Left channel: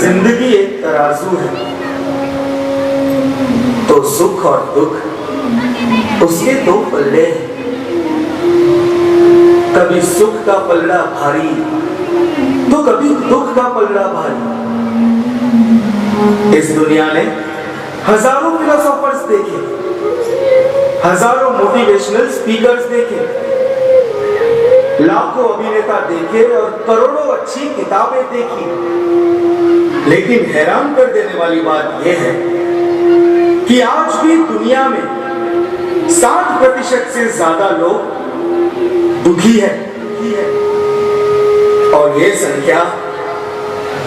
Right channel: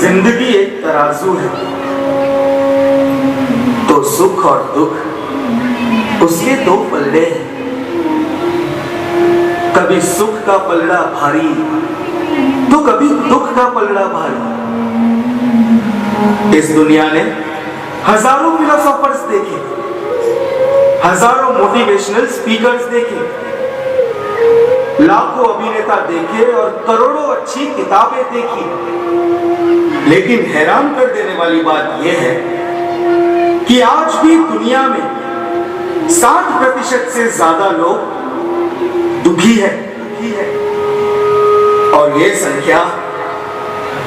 जिंदगी एक तराजू है, तो सुख और दुख उसके दो पल्ले हैं। कभी सुख का पलड़ा भारी तो कभी दुख का पलड़ा भारी। इस दुनिया ने हजारों फिलोसोफर्स देखे, हजारों मोटिवेशनल स्पीकर्स देखे, लाखों अभिनेता देखे और करोड़ों अच्छी किताबें देखी। लेकिन हैरान कर देने वाली बात यह है कि आज भी दुनिया में 60% से ज्यादा लोग दुखी है और यह संख्या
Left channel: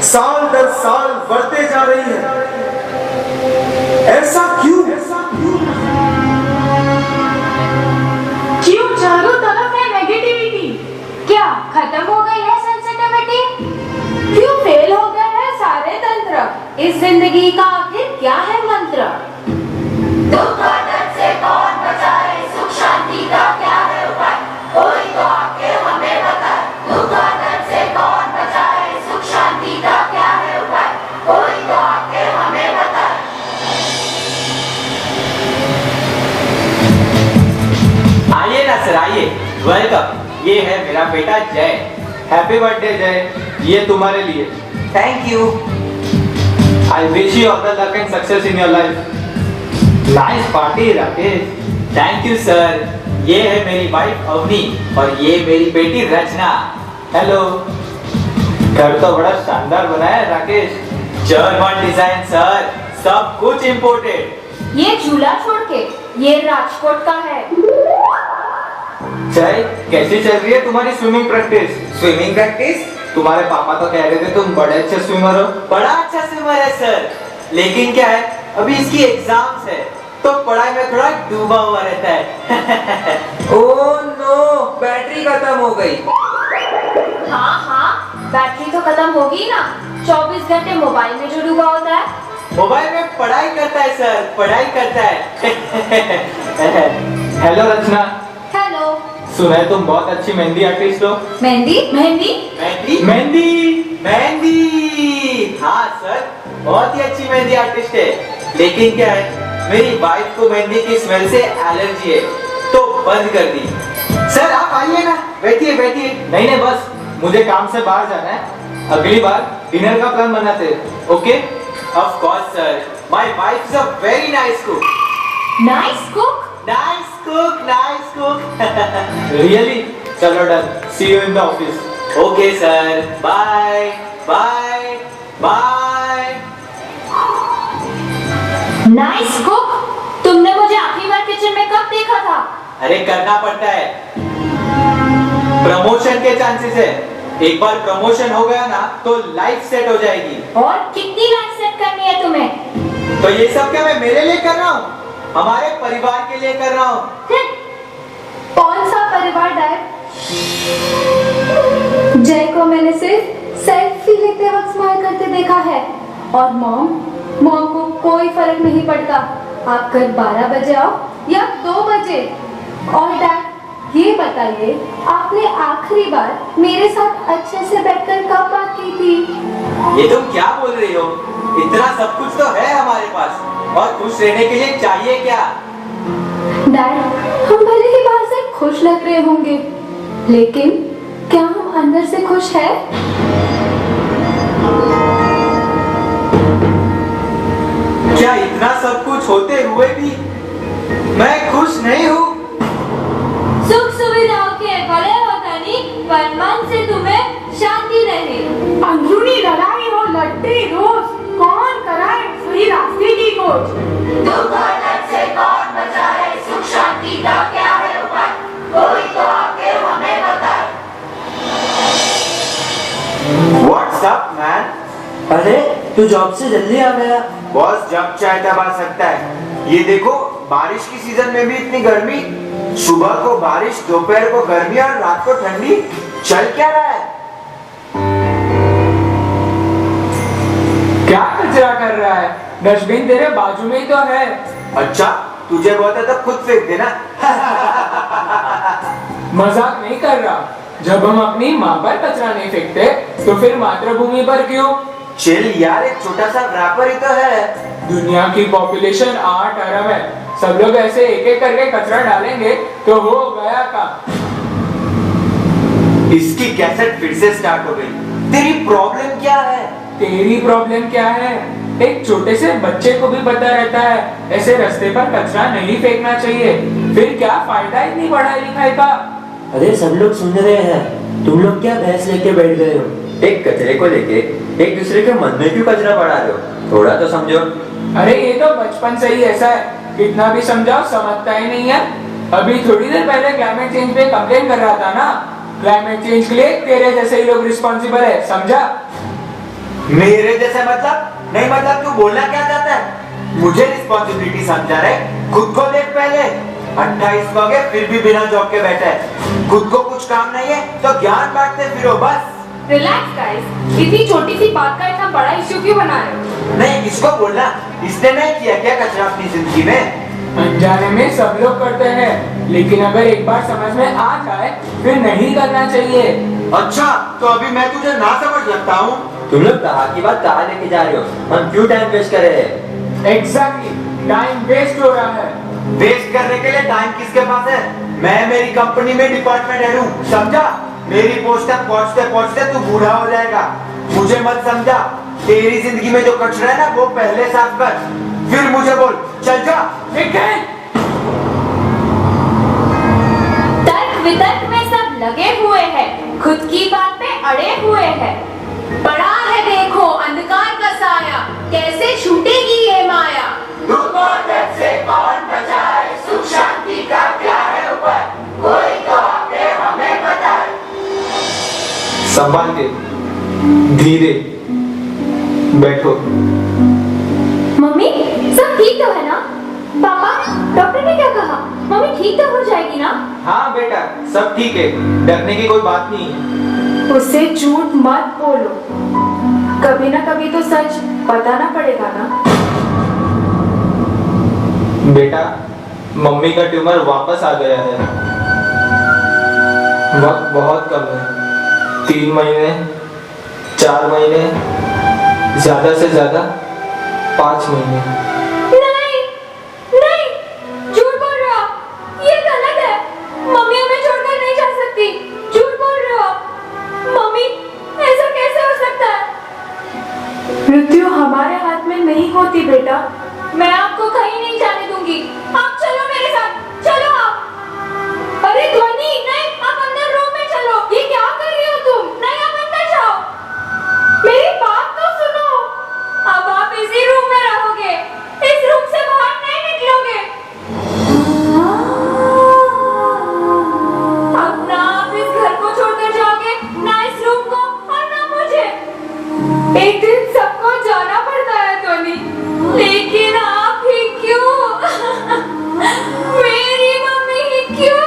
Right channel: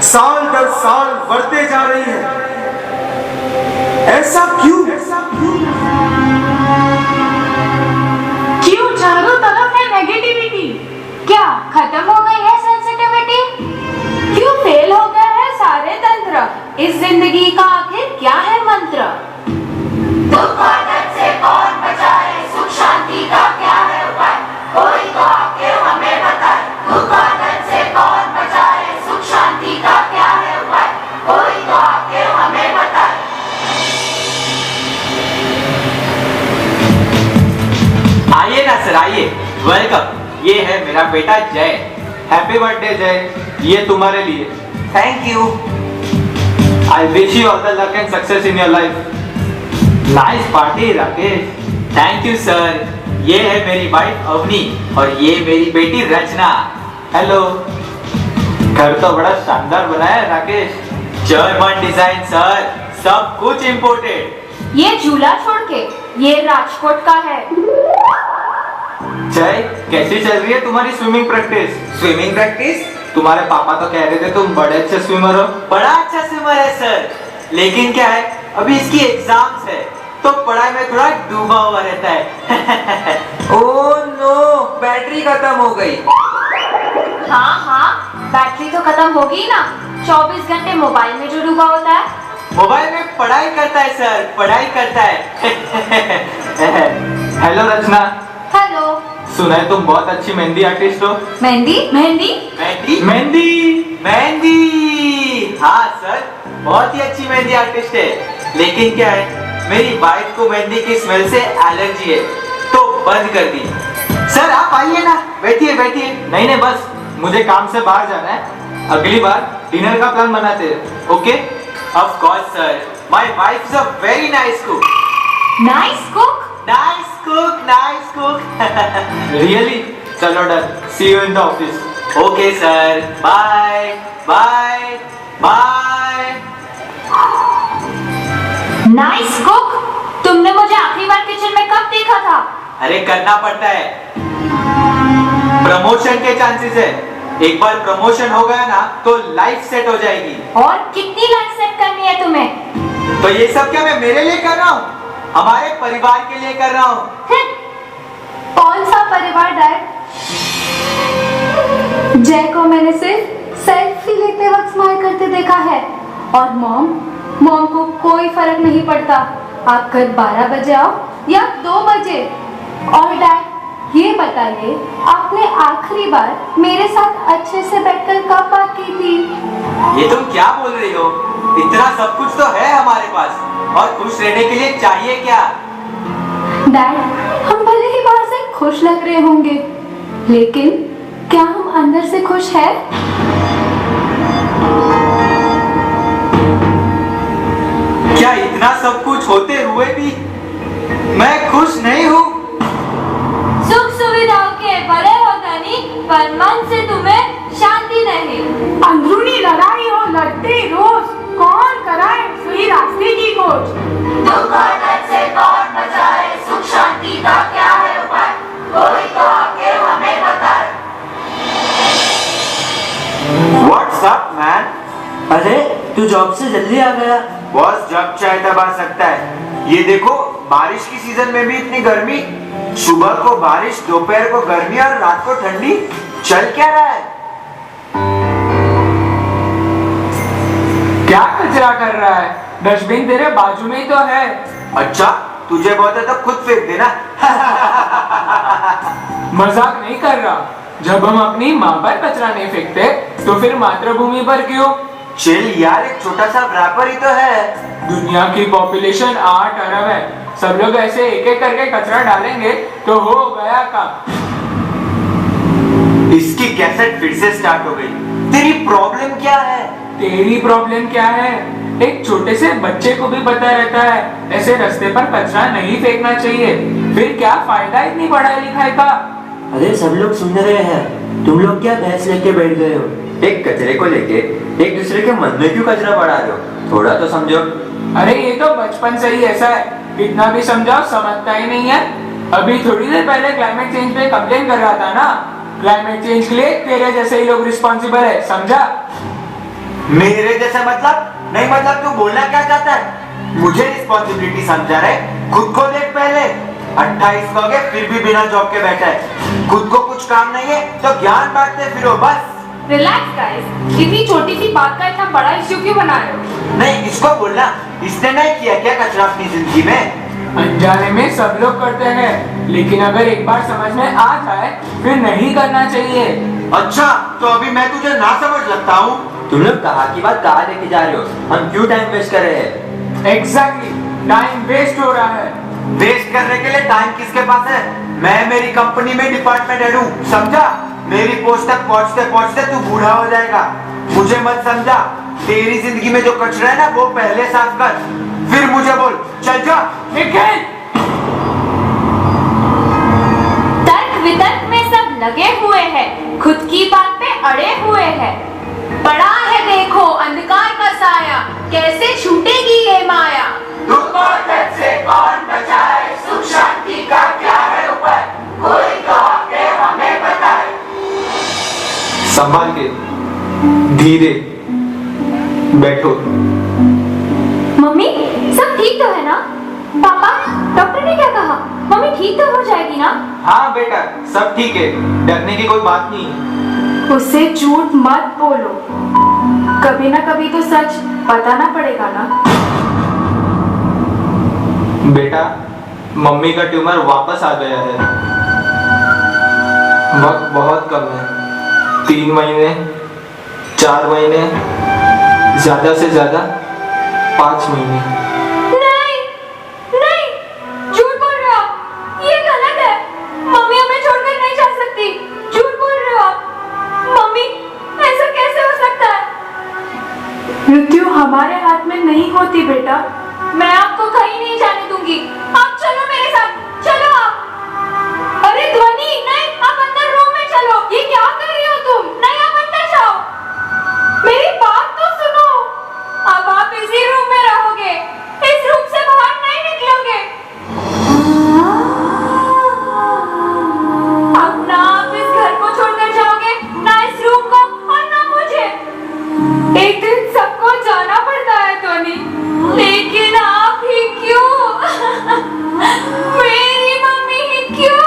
साल दर साल बढ़ते जा रही है। ऐसा क्यों? क्यों चारों तरफ है नेगेटिविटी? क्या खत्म हो गई है सेंसिटिविटी? क्यों फेल हो गए हैं सारे तंत्र? इस जिंदगी का आखिर क्या है मंत्र? दुख और दर्द से कौन बचाए, सुख शांति का क्या है उपाय? कोई तो आके हमें बताए। दुख और दर्द से कौन बचाए, सुख शांति का क्या है उपाय? कोई तो आके हमें बताए। आइए ना सर, आइए, वेलकम। ये है मेरा बेटा जय। हैप्पी बर्थडे जय, ये तुम्हारे लिए। Thank you. I wish you all the luck and success in your life. Nice party Rakesh. Thank you sir. ये है मेरी वाइफ अवनी और ये मेरी बेटी रचना। हेलो। घर तो बड़ा शानदार बना है राकेश। जर्मन डिजाइन सर, सब कुछ इम्पोर्टेड। ये झूला छोड़ के ये राजकोट का है। जय, कैसी चल रही है तुम्हारी स्विमिंग प्रैक्टिस? Swimming practice? तुम्हारे पापा तो कह रहे थे तुम बड़े अच्छे स्विमर हो। बड़ा अच्छा स्विमर है सर, लेकिन क्या है अभी इसकी एग्जाम्स है तो पढ़ाई में थोड़ा डूबा हुआ रहता है। ओह नो, बैटरी खत्म हो गई। हाँ, बैटरी तो खत्म होगी ना। 24 घंटे मोबाइल में जो डूबा होता है। मोबाइल में पढ़ाई करता है सर, पढ़ाई करता है। हेलो रचना। हेलो। सुना है तुम बहुत अच्छी मेहंदी आर्टिस्ट हो। मेहंदी? मेहंदी? मेहंदी मेहंदी मेहंदी। हाँ सर, बहुत ही अच्छी मेहंदी आर्टिस्ट है, लेकिन क्या है मेरी वाइफ को मेहंदी की स्मेल से एलर्जी है तो बंद कर दी। सर आप आइए ना, बैठिए बैठिए। नहीं बस मुझे काम से बाहर जाना है, अगली बार डिनर का प्लान बनाते हैं। Okay? Of course sir, my wife is a very nice cook. Nice cook? Nice cook, nice cook. Really? चलो done, see you in the office. Okay sir, bye bye bye. Nice cook? तुमने मुझे आखिरी बार kitchen में कब देखा था? अरे करना पड़ता है, प्रमोशन के चांसेस है। एक बार प्रमोशन हो गया ना तो लाइफ सेट हो जाएगी। और कितनी लाइफ सेट करनी है तुम्हें? तो ये सब क्या मैं मेरे लिए कर रहा हूँ? हमारे परिवार के लिए कर रहा हूँ। कौन सा परिवार डैड? जय को मैंने सिर्फ सेल्फी लेते वक्त स्माइल करते देखा है और मॉम को कोई फर्क नहीं पड़ता आप कल 12 बजे आओ या 2 बजे। और डैड ये बताइए आपने आखिरी बार मेरे साथ अच्छे से बैठकर कब बात की थी? ये तुम क्या बोल रही हो? इतना सब कुछ तो है हमारे पास और खुश रहने के लिए चाहिए क्या? डैड हम भले ही बाहर से खुश लग रहे होंगे, लेकिन क्या हम अंदर से खुश है? क्या इतना सब कुछ होते हुए भी मैं खुश नहीं हूँ? सुख सुविधाओं के बड़े हो धनी, पर मन से तुम्हें शांति नहीं। अंदरूनी लड़ाई हो लड़ते रोज, कौन कराए सही रास्ते की खोज? दुख और दर्द से कौन बचाए, सुख शांति का क्या है उपाय? कोई तो आके हमें बताए। What's up man? अरे तू जॉब से जल्दी आ गया। बॉस जब चाहे तब आ सकता है। ये देखो बारिश की सीजन में भी इतनी गर्मी, सुबह को बारिश, दोपहर को गर्मी और रात को ठंडी। चल क्या रहा है? क्या कचरा कर रहा है? डस्टबिन तेरे बाजू में ही तो है। अच्छा तुझे बहुत है तो खुद फेंक देना। मजाक नहीं कर रहा। जब हम अपनी माँ पर कचरा नहीं फेंकते तो फिर मातृभूमि पर क्यों? चिल यार, एक छोटा सा रैपर ही तो है। दुनिया की पॉपुलेशन 8 अरब है। सब लोग ऐसे एक एक करके कचरा डालेंगे तो हो गया काम। इसकी कैसेट फिर से स्टार्ट हो गई। तेरी प्रॉब्लम क्या है? तेरी प्रॉब्लम क्या है? एक छोटे से बच्चे को भी पता रहता है ऐसे रास्ते पर कचरा नहीं फेंकना चाहिए, फिर क्या फायदा इतनी पढ़ाई लिखाई का। अरे सब लोग सुन रहे हैं, तुम लोग क्या बहस लेके बैठ गए हो? एक कचरे को लेके एक दूसरे के मन में क्यों कचरा बढ़ा रहे हो? थोड़ा तो समझो। अरे ये तो बचपन से ही ऐसा है, कितना भी समझाओ समझता ही नहीं है। अभी थोड़ी देर पहले क्लाइमेट चेंज पे कंप्लेन कर रहा था ना। क्लाइमेट चेंज के लिए तेरे जैसे ही लोग रिस्पॉन्सिबल है, समझा? मेरे जैसे मतलब नहीं, मतलब तू बोलना क्या चाहता है? मुझे रिस्पॉन्सिबिलिटी समझा रहे? खुद को देख पहले। 28 हो गए फिर भी बिना जॉब के बैठा है। खुद को कुछ काम नहीं है तो ज्ञान बांटते फिरो बस। रिलैक्स गाइस, इतनी छोटी सी बात का इतना बड़ा इश्यू क्यों बना रहे हो? नहीं, इसको बोलना, इसने नहीं किया क्या कचरा अपनी जिंदगी में? अनजाने में सब लोग करते हैं, लेकिन अगर एक बार समझ में आ जाए फिर नहीं करना चाहिए। अच्छा, तो अभी मैं तुझे ना समझ लगता हूँ? तुम लोग कहाँ की बात कहाँ लेके जा रहे हो? हम क्यों टाइम वेस्ट कर रहे हैं? एग्जैक्टली, टाइम वेस्ट हो रहा है। वेस्ट करने के लिए टाइम किसके पास है? मैं मेरी कंपनी में डिपार्टमेंट हेड हूँ, समझा? मेरी पोस्ट तक पहुँचते पहुँचते तू बूढ़ा हो जाएगा। मुझे मत समझा। तेरी जिंदगी में जो कचरा है ना वो पहले साफ कर, फिर मुझे बोल। चल जा। तर्क वितर्क में सब लगे हुए हैं, खुद की बात पे अड़े हुए हैं। बड़ा है देखो अंधकार का साया, कैसे छूटेगी ये माया। दुख और दर्द से कौन बचाए, सुख शांति का क्या है उपाय, कोई तो आके हमें बताए। संभाल के, धीरे बैठो। मम्मी सब ठीक तो है ना? पापा डॉक्टर ने क्या कहा? मम्मी ठीक तो हो जाएगी ना? हाँ बेटा, सब ठीक है, डरने की कोई बात नहीं है। उससे झूठ मत बोलो, कभी ना कभी तो सच बताना पड़ेगा ना। बेटा, मम्मी का ट्यूमर वापस आ गया है। वक्त बहुत कम है, 3 महीने, 4 महीने, ज्यादा से ज्यादा 5 महीने। नहीं नहीं, झूठ बोल रहे हो आप, ये गलत है। मम्मी हमें छोड़कर नहीं जा सकती, झूठ बोल रहे हो आप। मम्मी ऐसा कैसे हो सकता है? मृत्यु हमारे हाथ में नहीं होती बेटा। मैं आपको कहीं नहीं जाने दूंगी, आप चलो मेरे साथ, चलो आप। अरे ध्वनि नहीं, आप अंदर रूम में चलो। ये क्या कर रही हो तुम? नहीं, आप अंदर जाओ, मेरी बात तो सुनो। अब आप इसी रूम में रहोगे, इस रूम से बाहर नहीं निकलोगे। अब ना आप इस घर को छोड़कर जाओगे, ना इस रूम को, और ना मुझे। एक दिन सबको जाना पड़ता है टोनी, लेकिन आप ही क्यों? मेरी मम्मी ही क्यों?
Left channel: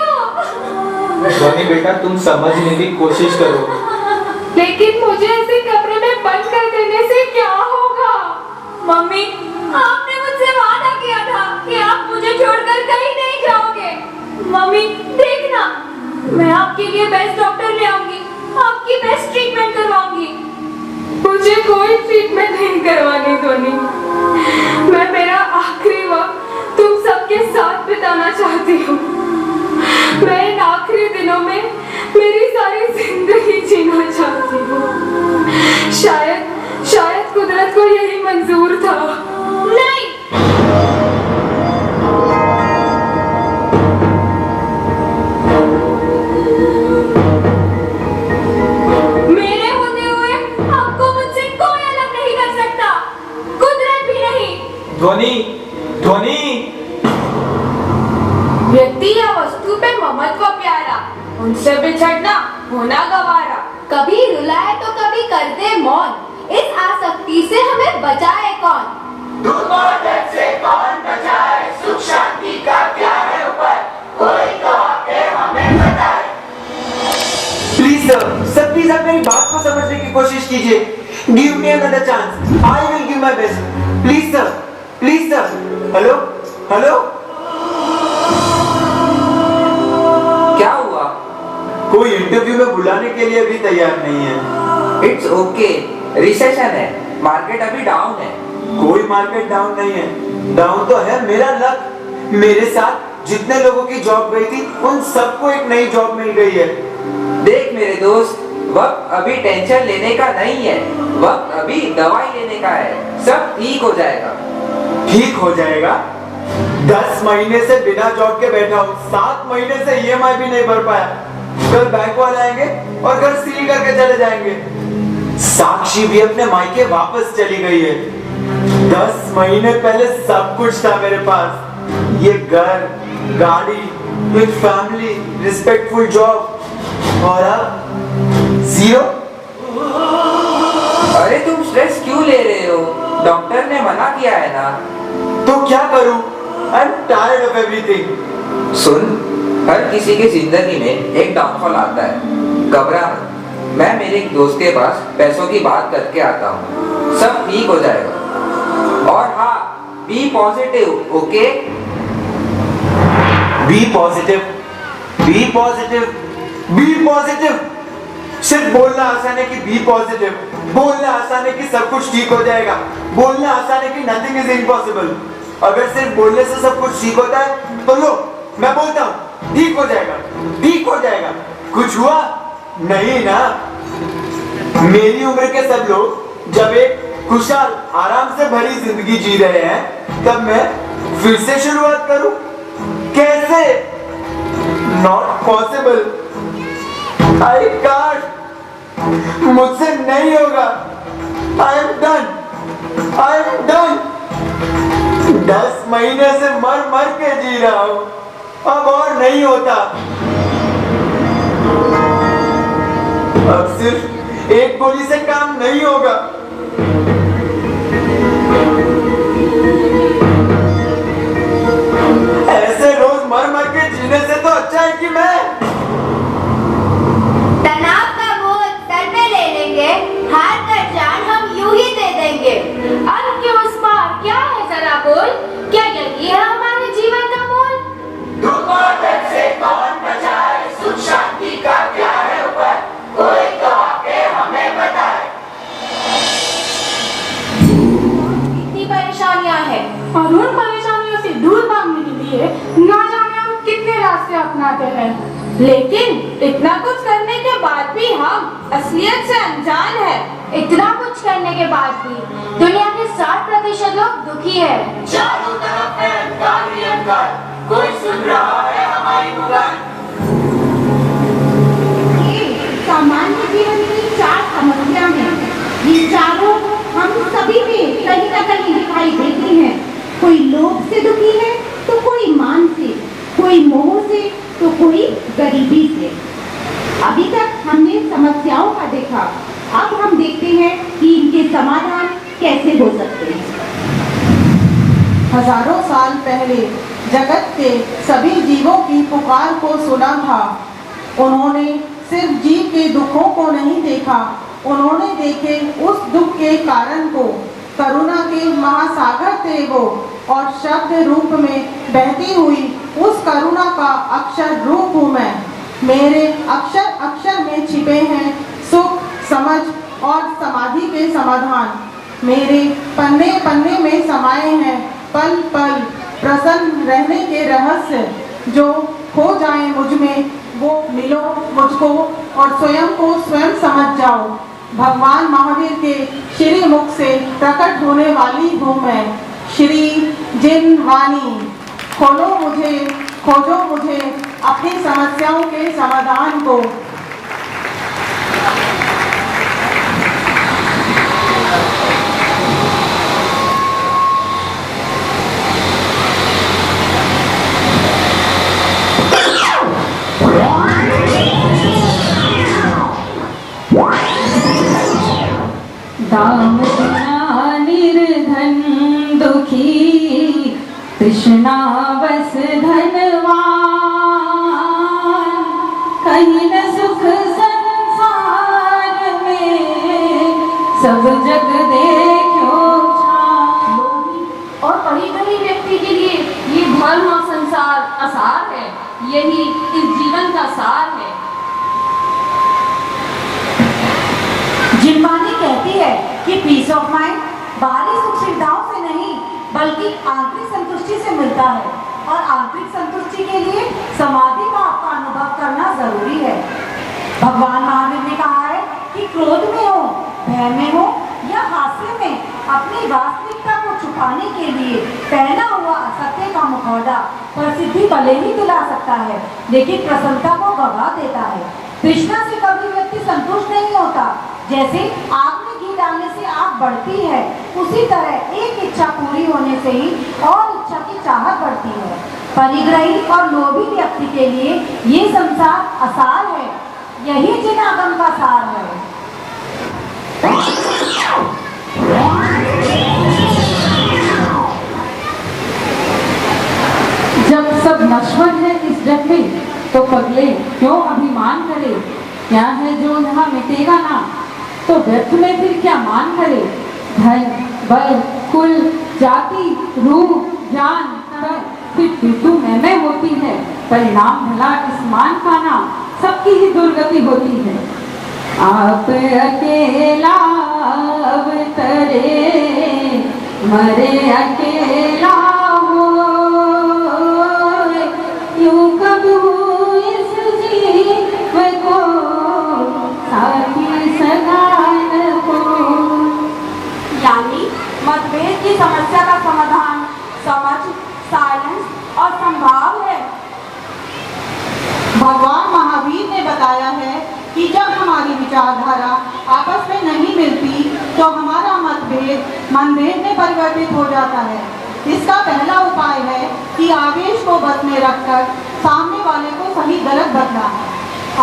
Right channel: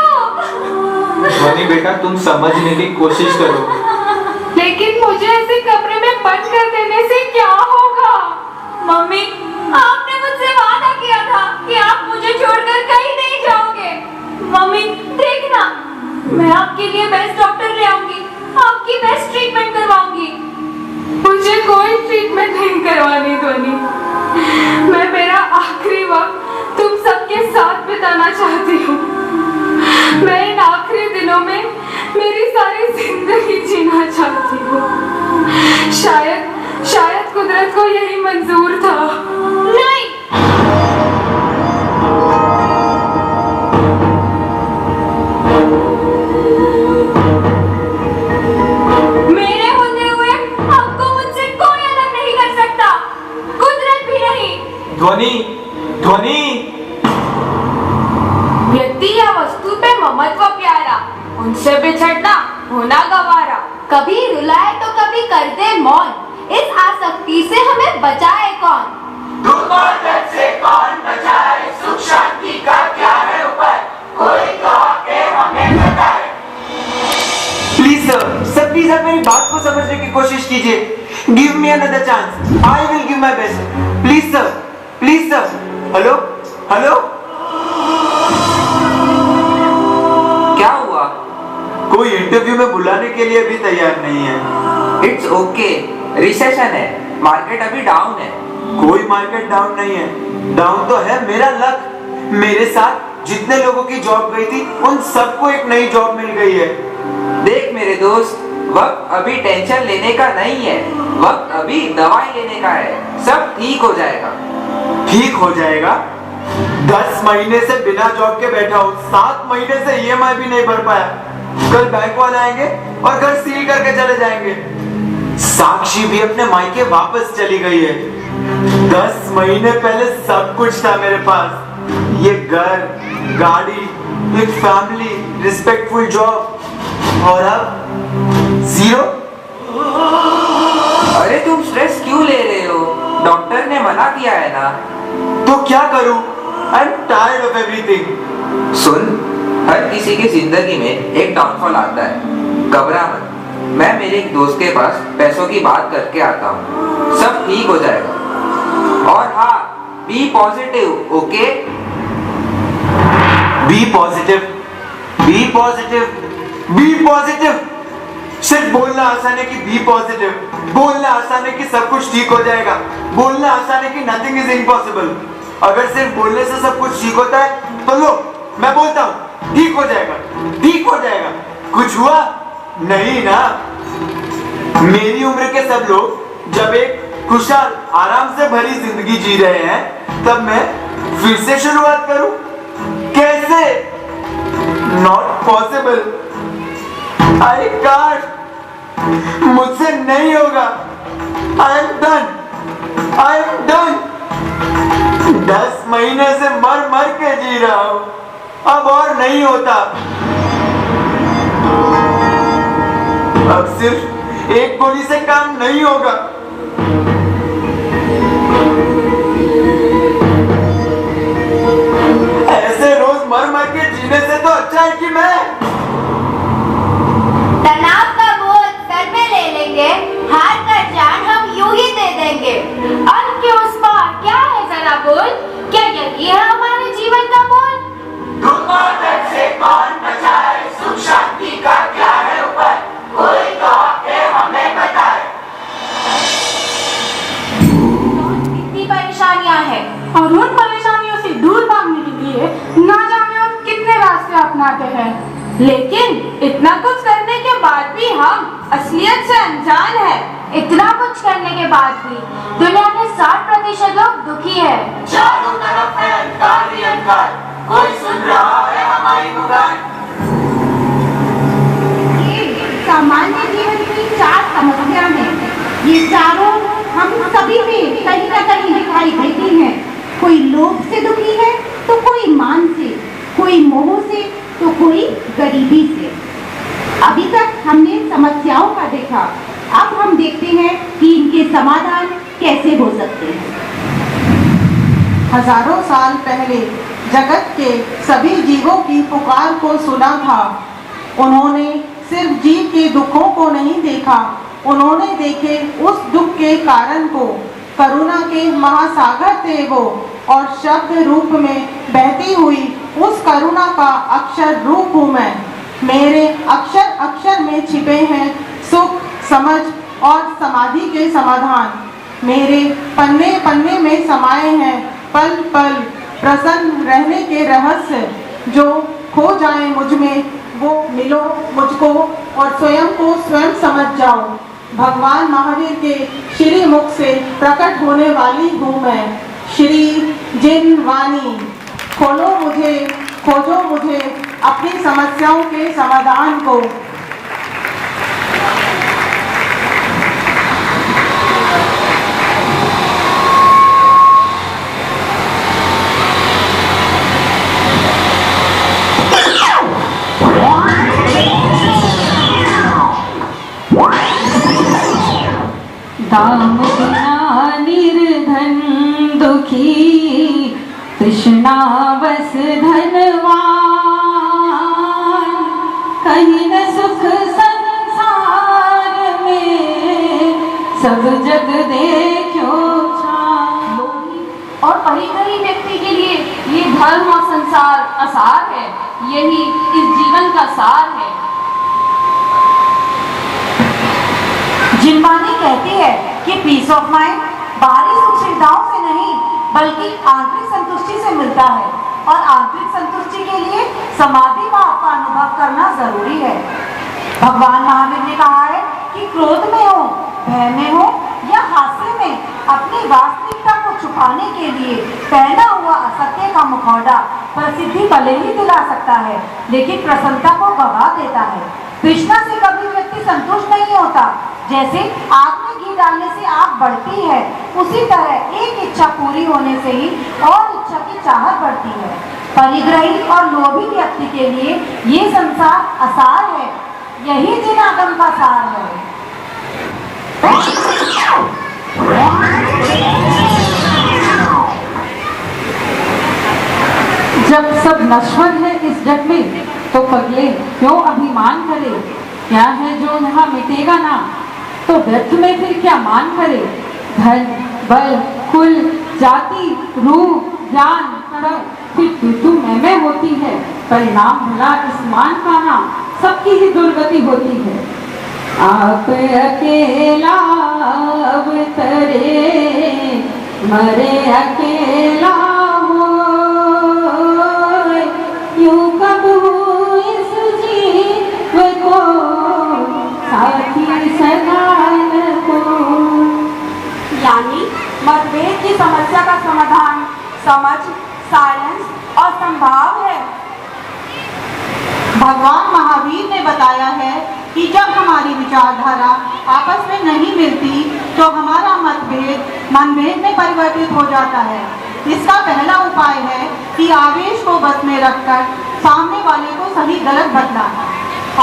ध्वनि बेटा, तुम समझने की कोशिश करो। लेकिन मुझे ऐसे कमरे में बंद कर देने से क्या होगा? मम्मी आपने मुझसे वादा किया था कि आप मुझे छोड़कर कहीं नहीं जाओगे। मम्मी देखना, मैं आपके लिए बेस्ट डॉक्टर ले आऊंगी, आपकी बेस्ट ट्रीटमेंट करवाऊंगी। मुझे कोई ट्रीटमेंट नहीं करवानी धोनी, मैं मेरा आखिरी वक्त तुम सबके साथ बिताना चाहती हूँ। मैं इन आखिरी दिनों में मेरी सारी जिंदगी जीना चाहती हूँ। शायद कुदरत को यही मंजूर था। नहीं, मेरे होते हुए आपको मुझसे कोई अलग नहीं कर सकता, कुदरत भी नहीं। ध्वनि, ध्वनि। व्यक्ति या वस्तु पे ममत्व प्यारा, उनसे बिछड़ना होना गवारा। कभी रुलाए तो कभी कर दे मौन, इस आसक्ति से हमें बचाए कौन? दुख और दर्द से कौन बचाए, सुख शांति का क्या है उपाय, कोई तो आके हमें बताए। प्लीज सर, प्लीज आप मेरी बात को समझने की कोशिश कीजिए। Give me another chance, I will give my best. Please sir, please sir. Hello hello, क्या हुआ? कोई इंटरव्यू में बुलाने के लिए भी तैयार नहीं है। इट्स ओके, रिसेशन है, मार्केट अभी डाउन है। कोई मार्केट डाउन नहीं है, डाउन तो है मेरा लक। मेरे साथ जितने लोगों की जॉब गई थी उन सबको एक नई जॉब मिल गई है। देख मेरे दोस्त, वक्त अभी टेंशन लेने का नहीं है, वक्त अभी दवाई लेने का है। सब ठीक हो जाएगा। ठीक हो जाएगा? 10 महीने से बिना जॉब के बैठा हूँ, 7 महीने से EMI भी नहीं भर पाया। कल बैंक वाले आएंगे और घर सील करके चले जाएंगे। साक्षी भी अपने मायके वापस चली गई है। 10 महीने पहले सब कुछ था मेरे पास, ये घर, गाड़ी, एक फैमिली, रिस्पेक्टफुल जॉब, और अब 0। अरे तुम स्ट्रेस क्यों ले रहे हो? डॉक्टर ने मना किया है ना। तो क्या करूं? I'm tired of everything. सुन, हर किसी की जिंदगी में एक डाउनफॉल आता है, घबरा मत। मैं मेरे एक दोस्त के पास पैसों की बात करके आता हूँ, सब ठीक हो जाएगा। और हाँ, be positive, okay? Be positive, be positive, be positive. सिर्फ बोलना आसान है कि बी पॉजिटिव, बोलना आसान है कि सब कुछ ठीक हो जाएगा, बोलना आसान है कि नथिंग इज इम्पॉसिबल। अगर सिर्फ बोलने से सब कुछ ठीक होता है तो लो, मैं बोलता हूँ ठीक हो जाएगा, ठीक हो जाएगा। कुछ हुआ नहीं ना। मेरी उम्र के सब लोग जब एक खुशहाल आराम से भरी जिंदगी जी रहे हैं, तब मैं फिर से शुरुआत करूं? कैसे? नॉट पॉसिबल, आई कांट, मुझसे नहीं होगा। I am done, I am done. 10 महीने से मर मर के जी रहा हूं, अब और नहीं होता। अब सिर्फ एक गोली से काम नहीं होगा। ऐसे रोज मर मर के जीने से तो अच्छा है कि मैं तनाव का बोझ सर में ले लेंगे, हार का जान हम यूं ही दे देंगे। अब क्यों स्मार्ट, क्या है जरा बोल, क्या यही है हमारे जीवन का बोल? दुख और दर्द से कौन बचाए, सुख शांति का क्या है उपाय, कोई तो आके हमें बताए। इतनी परेशानियां हैं और उन परेशानियों से दूर भागने के लिए ना जाने हम कितने रास्ते अपनाते हैं, लेकिन इतना कुछ करने के बाद भी हम असलियत से अनजान है। इतना कुछ करने के बाद भी दुनिया के 60% लोग दुखी है। चारों तरफ है अंधकार ही अंधकार, कोई सुन रहा है हमारी पुकार। सामान्य जीवन की 4 समस्या हैं। ये चारों हम सभी में कहीं ना कहीं दिखाई देती हैं। कोई लोभ से दुखी है तो कोई मान से, कोई मोह से तो कोई गरीबी से। अभी तक हमने समस्याओं का देखा, अब हम देखते हैं कि इनके समाधान कैसे हो सकते हैं। हजारों साल पहले जगत के सभी जीवों की पुकार को सुना था। उन्होंने सिर्फ जीव के दुखों को नहीं देखा, उन्होंने देखे उस दुख के कारण को। करुणा के महासागर थे वो, और शब्द रूप में बहती हुई उस करुणा का अक्षर रूप हूँ मैं। मेरे अक्षर अक्षर में छिपे हैं सुख, समझ और समाधि के समाधान। मेरे पन्ने पन्ने में समाये हैं पल पल प्रसन्न रहने के रहस्य। जो खो जाए मुझ में वो मिलो मुझको, और स्वयं को स्वयं समझ जाओ। भगवान महावीर के श्री मुख से प्रकट होने वाली हूँ मैं। श्री जिन वाणी, खोलो मुझे, खोजो मुझे अपनी समस्याओं के समाधान को। दाम बिना निर्धन दुखी, तृष्णा बस धनवान। कहीं न सुख संसार में, सब जग देखो छान। और परिधनी व्यक्ति के लिए ये धर्म और संसार आसार है, यही इस जीवन का सार है। जिम्बानी कहती है पीस ऑफ माइंड बाहरी सुख सुविधाओं से नहीं बल्कि आंतरिक संतुष्टि से मिलता है, और आंतरिक संतुष्टि के लिए समाधि भाव का अनुभव करना जरूरी है। भगवान महावीर ने कहा है कि क्रोध में हो, भय में हो या हास्य में अपनी वास्तविकता को छुपाने के लिए पहना हुआ असत्य का मुखौटा प्रसिद्धि भले ही दिला सकता है, लेकिन प्रसन्नता को गवा देता है। तृष्णा से कभी व्यक्ति संतुष्ट नहीं होता। जैसे आग में घी डालने से आग बढ़ती है, उसी तरह एक इच्छा पूरी होने से ही और इच्छा की चाहत बढ़ती है। परिग्रही और लोभी व्यक्ति के लिए ये संसार असार है, यही जिन आगम का सार है। जब सब नश्वर है इस जग में, तो पगले क्यों अभिमान करे। क्या है जो वहाँ मिटेगा ना, तो व्यर्थ में फिर क्या मान करे। धन बल कुल जाति रूप ज्ञान सब फिर तू मैं होती है। परिणाम भला इस मान का नाम, सबकी ही दुर्गति होती है। आप अकेला अवतरे मरे अकेला हो, यूं कब हो इस जीव को साथी सदान को। यानी मतभेद की समस्या का समाधान समझ, साइलेंस और संभाव है। भगवान महावीर ने बताया है कि जब हमारी विचारधारा आपस में नहीं मिलती तो हमारा मतभेद मनभेद में परिवर्तित हो जाता है। इसका पहला उपाय है कि आवेश को बस में रखकर सामने वाले को सही गलत बतलाना।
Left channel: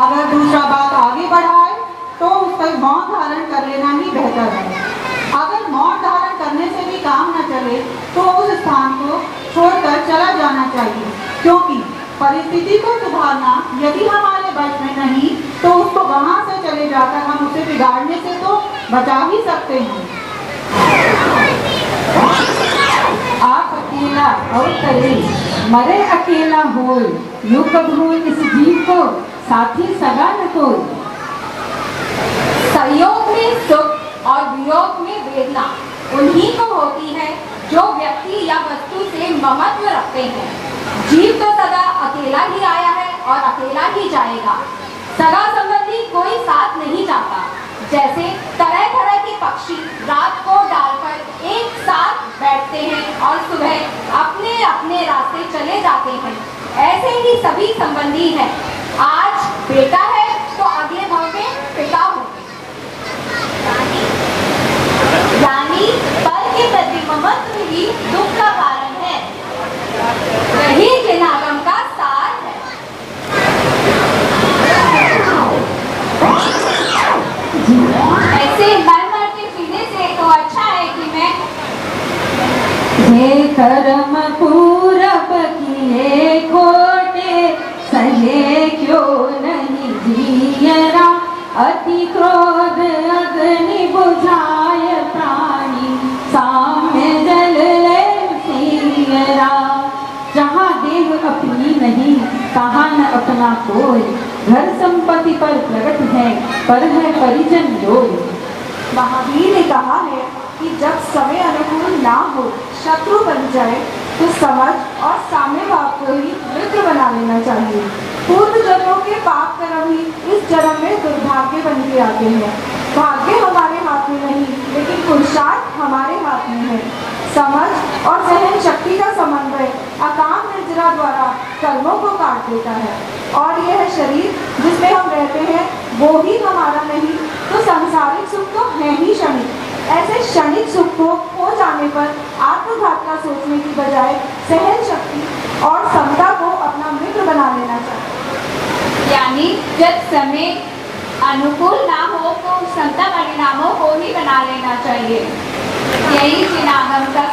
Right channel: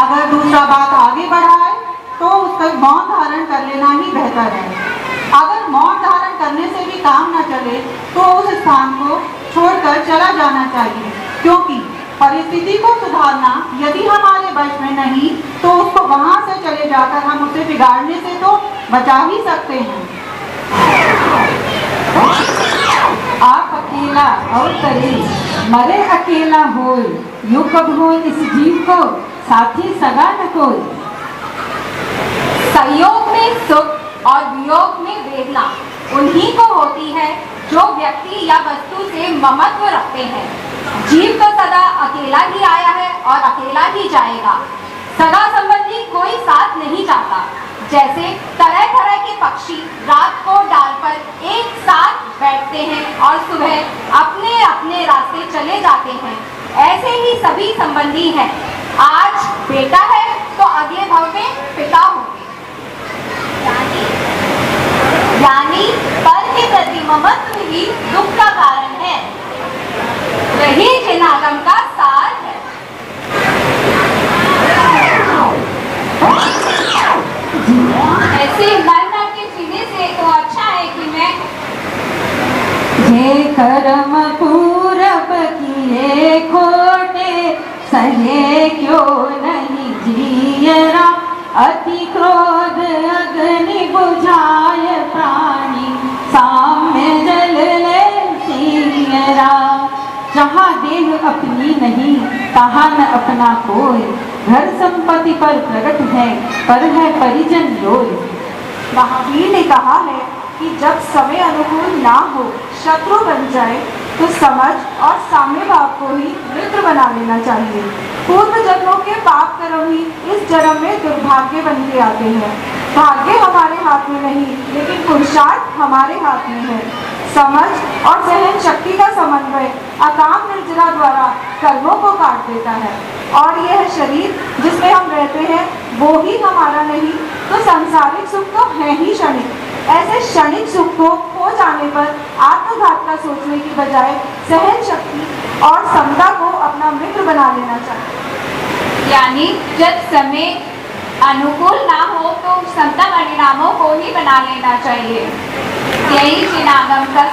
अगर दूसरा बात आगे बढ़ाए तो उसका मौन धारण कर लेना ही बेहतर है। अगर मौन धारण करने से भी काम न चले तो उस स्थान को छोड़कर चला जाना चाहिए, क्योंकि परिस्थिति को सुधारना यदि हमारे बस में नहीं तो उसको वहां से चले जाकर हम उसे बिगाड़ने से तो बचा ही सकते हैं। आप अकेला अवतरे मरे अकेला होय, यूं कब हो इस जीव को साथी सगा न कोई। संयोग में सुख और वियोग में वेदना उन्हीं को होती है जो व्यक्ति या वस्तु से ममत्व रखते हैं। जीव तो सदा अकेला ही आया है और अकेला ही जाएगा। सगा संबंधी कोई साथ नहीं जाता। जैसे तरह तरह के पक्षी रात को डाल पर एक साथ बैठते हैं और सुबह अपने अपने रास्ते चले जाते हैं, ऐसे ही सभी संबंधी हैं। आज बेटा है तो अगले भाव में पिता होंगे। यानी पर के प्रति ममत्व ही दुख का कारण है, यही जिनागम का सार है। ऐसे मर के जीने से तो अच्छा है कि मैं हे कर्म पूरब किए खोटे, सहे क्यों नहीं जियरा। अति क्रोध अग्नि बुझाए प्राणी, साम्य जल ले सियरा। जहाँ देह अपनी नहीं तहाँ न अपना कोई, घर संपत्ति पर प्रकट है पर है परिजन लोय। महावीर ने कहा है कि जब समय अनुकूल ना हो, शत्रु बन जाए तो समझ और साम्य भाव को ही मित्र बना लेना चाहिए। पूर्व जन्मों के पाप कर्म ही इस जन्म में दुर्भाग्य बन के आते हैं। भाग्य हमारे हाथ में नहीं, लेकिन पुरुषार्थ हमारे हाथ में है। समझ और सहन शक्ति का समन्वय अकाम निर्जरा द्वारा कर्मों को काट देता है, और यह शरीर जिसमें हम रहते हैं वो ही हमारा नहीं तो सांसारिक सुख तो है ही क्षणिक। ऐसे क्षणिक सुख को खो जाने पर आत्मघात का सोचने की बजाय सहन शक्ति और समता को अपना मित्र बना लेना चाहिए। यानी जब समय अनुकूल ना हो तो समता परिणामों को ही बना लेना चाहिए। यही जिनागम का